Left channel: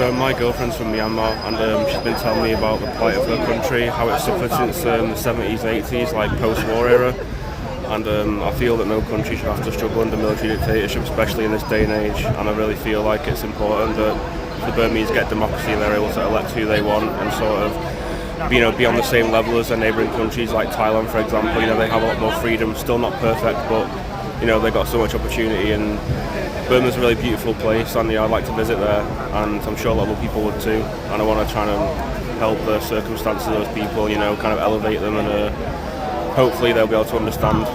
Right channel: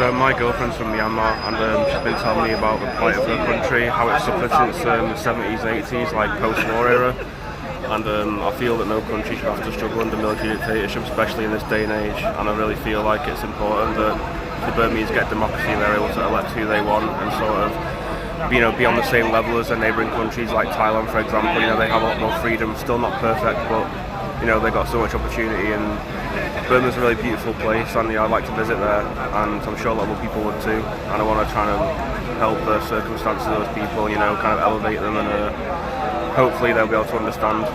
So my girlfriend's from Myanmar, and she's been telling me about the plight of her country, how it's suffered since the 70s and 80s, like post-war era. And I feel that no country should have to struggle under military dictatorship, especially in this day and age. And I really feel like it's important that the Burmese get democracy and they're able to elect who they want and sort of, be on the same level as their neighbouring countries, like Thailand, for example. They have a lot more freedom. Still not perfect, but they've got so much opportunity. And Burma's a really beautiful place, and I'd like to visit there, and I'm sure a lot of other people would too. And I want to try and help the circumstances of those people, kind of elevate them, and hopefully they'll be able to understand,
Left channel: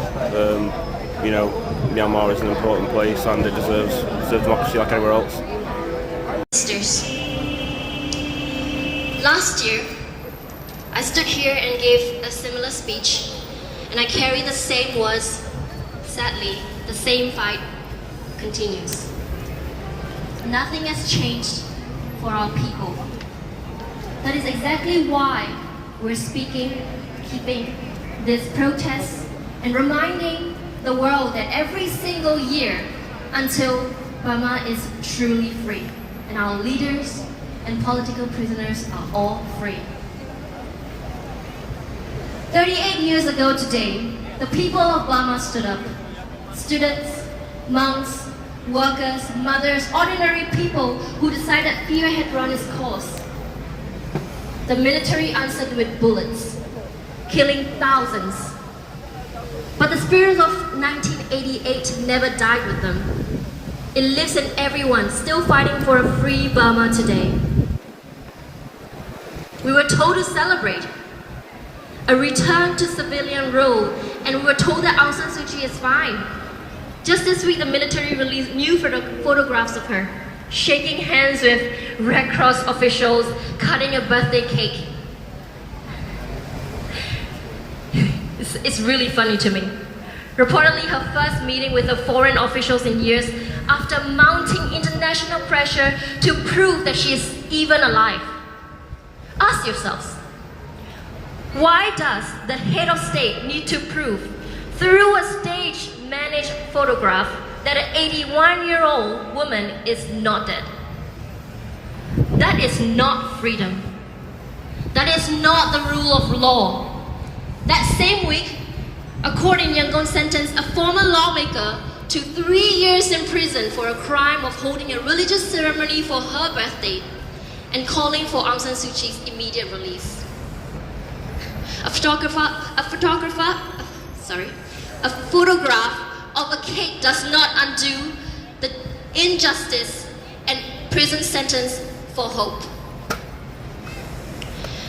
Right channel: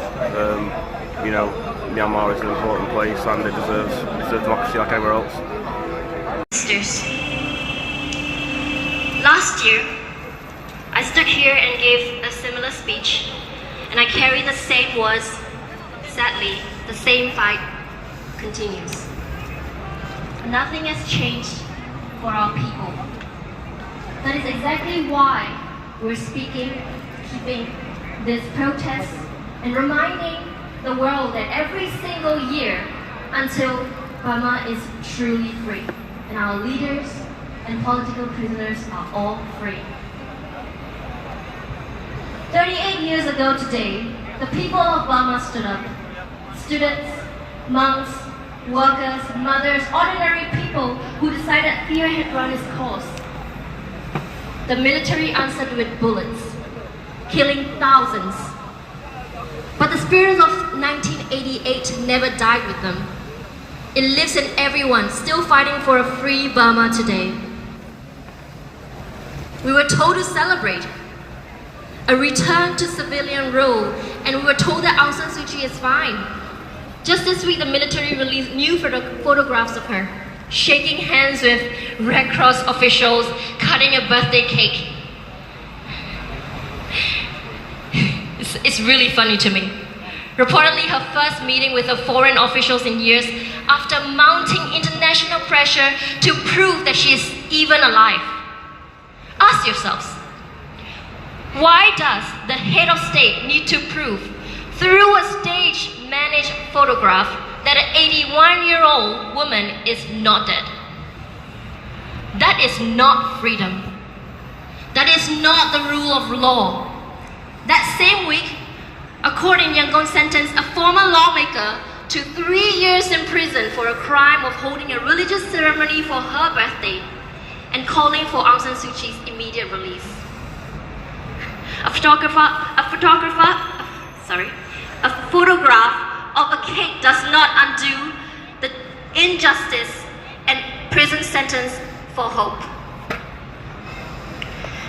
Myanmar is an important place and it deserves democracy like everywhere else. Last year, I stood here and gave a similar speech, and I carry the same words. Sadly, the same fight continues. Nothing has changed for our people. That is exactly why we're keeping this protest and reminding the world that every single year until Burma is truly free and our leaders and political prisoners are all free. 38 years ago today, the people of Burma stood up. Students, monks, workers, mothers, ordinary people who decided fear had run its course. The military answered with bullets, killing thousands. But the spirit of 1988 never died with them. It lives in everyone still fighting for a free Burma today. We were told to celebrate a return to civilian rule, and we were told that Aung San Suu Kyi is fine. Just this week, the military released new photographs of her, shaking hands with Red Cross officials, cutting a birthday cake. It's really funny to me. Reportedly, her first meeting with the foreign officials in years after mounting international pressure to prove that she is even alive. Ask yourselves, why does the head of state need to prove through a stage-managed photograph that an 81-year-old woman is not dead? That is not freedom. That is not the rule of law. That same week, a court in Yangon sentenced a former lawmaker to 3 years in prison for a crime of holding a religious ceremony for her birthday and calling for Aung San Suu Kyi's immediate release. A photograph of a cake does not undo the injustice and prison sentence for hope.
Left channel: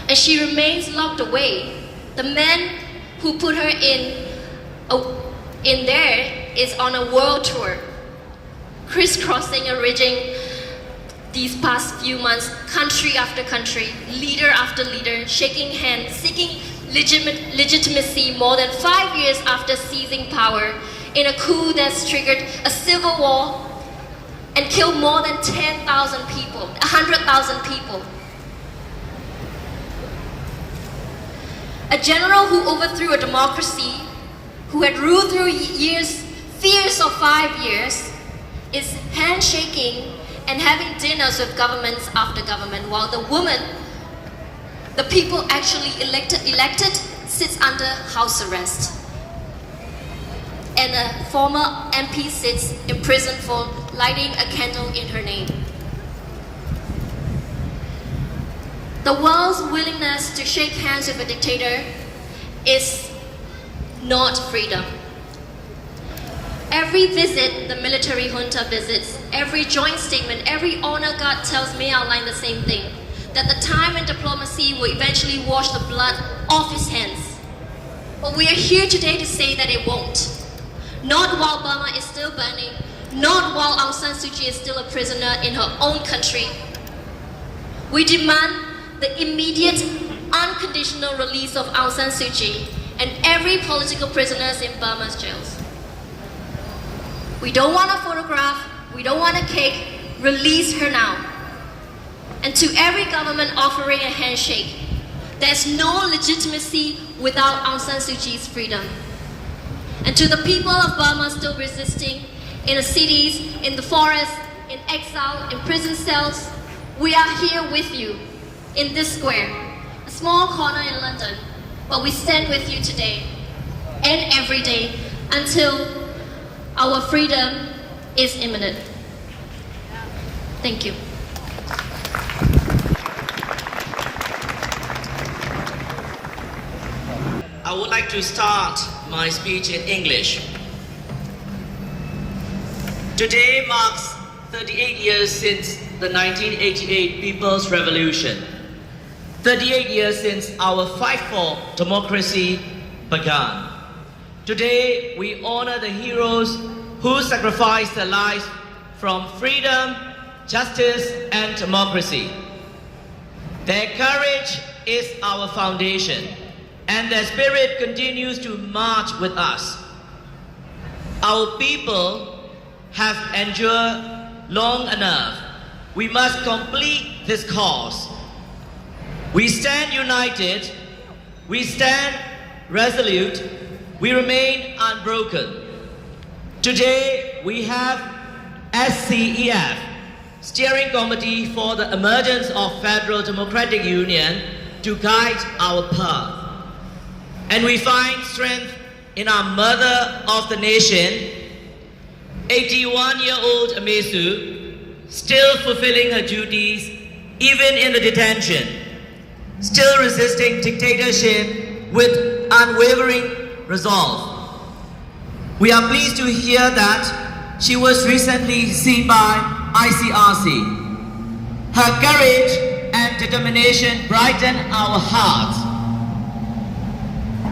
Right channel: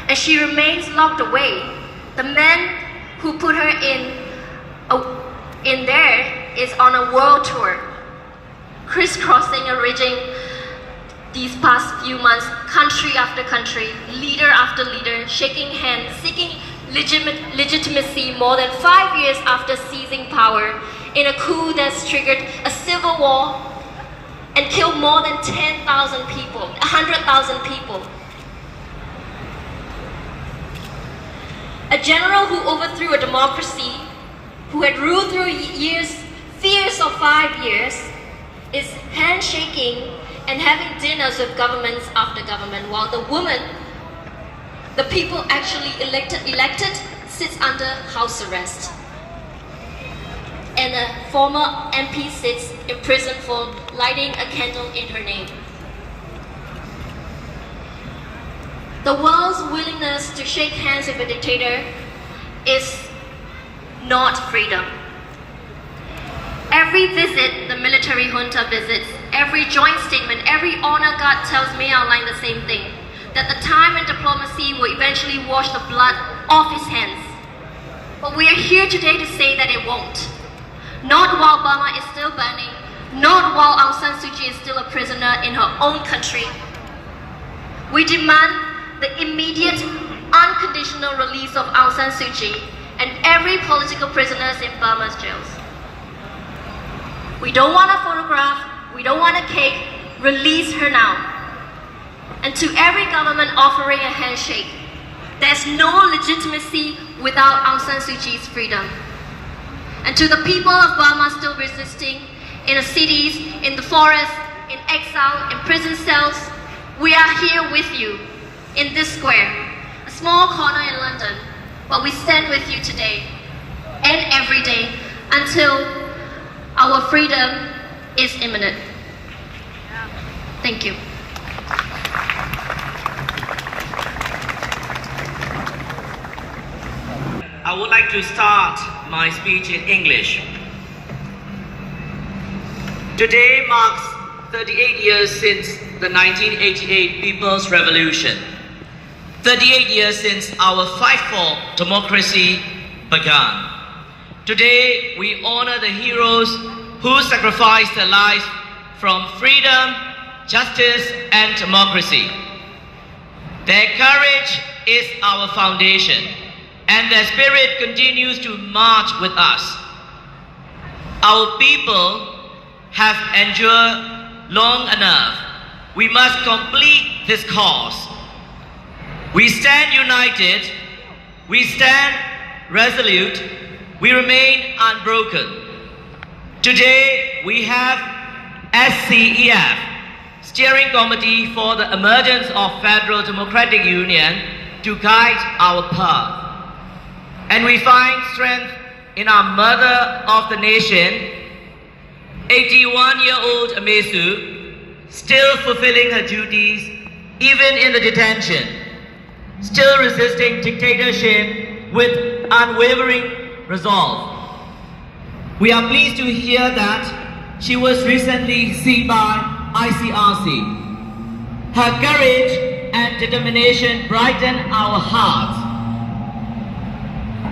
And she remains locked away. The man who put her in there is on a world tour, crisscrossing and ridging these past few months, country after country, leader after leader, shaking hands, seeking legitimacy more than 5 years after seizing power in a coup that's triggered a civil war and killed more than 10,000 people, 100,000 people. A general who overthrew a democracy, who had ruled through fears of 5 years, is handshaking and having dinners with governments after government, while the woman, the people actually elected, sits under house arrest. And a former MP sits in prison for lighting a candle in her name. The world's willingness to shake hands with a dictator is not freedom. Every visit the military junta visits, every joint statement, every honor guard tells me outline the same thing, that the time and diplomacy will eventually wash the blood off his hands. But we are here today to say that it won't. Not while Burma is still burning, not while Aung San Suu Kyi is still a prisoner in her own country. We demand the immediate, unconditional release of Aung San Suu Kyi and every political prisoners in Burma's jails. We don't want a photograph, we don't want a cake, release her now. And to every government offering a handshake, there's no legitimacy without Aung San Suu Kyi's freedom. And to the people of Burma still resisting, in the cities, in the forests, in exile, in prison cells, We are here with you in this square, a small corner in London, but we stand with you today and every day until our freedom is imminent. Thank you. I would like to start my speech in English. Today marks 38 years since the 1988 People's Revolution. 38 years since our fight for democracy began. Today we honor the heroes who sacrificed their lives from freedom, justice, and democracy. Their courage is our foundation, and their spirit continues to march with us. Our people have endured long enough. We must complete this cause. We stand united, we stand resolute, we remain unbroken. Today we have SCEF, Steering Committee for the Emergence of Federal Democratic Union, to guide our path. And we find strength in our mother of the nation, 81-year-old Amesu, still fulfilling her duties even in the detention, still resisting dictatorship with unwavering resolve. We are pleased to hear that she was recently seen by ICRC. Her courage and determination brighten our hearts.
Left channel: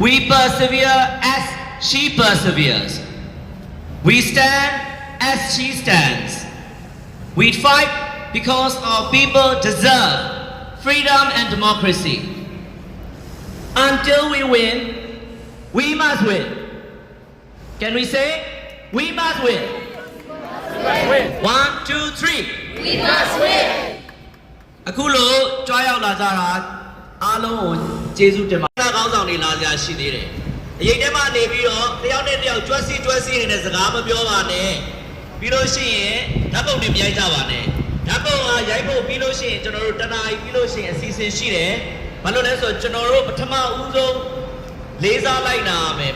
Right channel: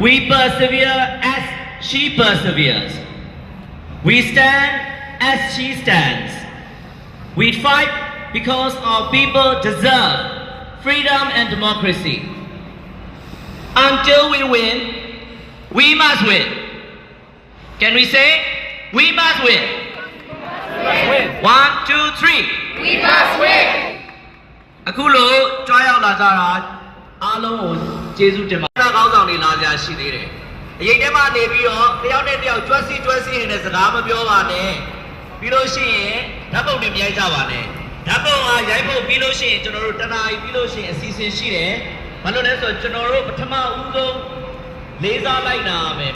We persevere as she perseveres. We stand as she stands. We fight because our people deserve freedom and democracy. Until we win, we must win. Can we say, we must win? 1, 2, 3. We must win! အခုလိုကြွားရောက်လာကြတာအားလုံးကိုကျေးဇူးတင်ပါတယ်။ခေါင်းဆောင်တွေလာကြရှိသေးတယ်။အရေးထဲမှာနေပြီးတော့တယောက်နဲ့တယောက်ကျွတ်စီနေတဲ့စကားမပြောပါနဲ့။ပြီးလို့ရှိရင်ဓာတ်ပုံတွေမြိုက်ကြပါနဲ့။ဓာတ်ပုံကရိုက်ဖို့ပြီးလို့ရှိရင်ကျွန်တော်တို့တနားရီပြီးလို့ရှိရင်အစီအစဉ်ရှိတယ်။ဘာလို့လဲဆိုတော့ကျွန်တော်တို့ပထမဦးဆုံးလေးစားလိုက်နာရမယ်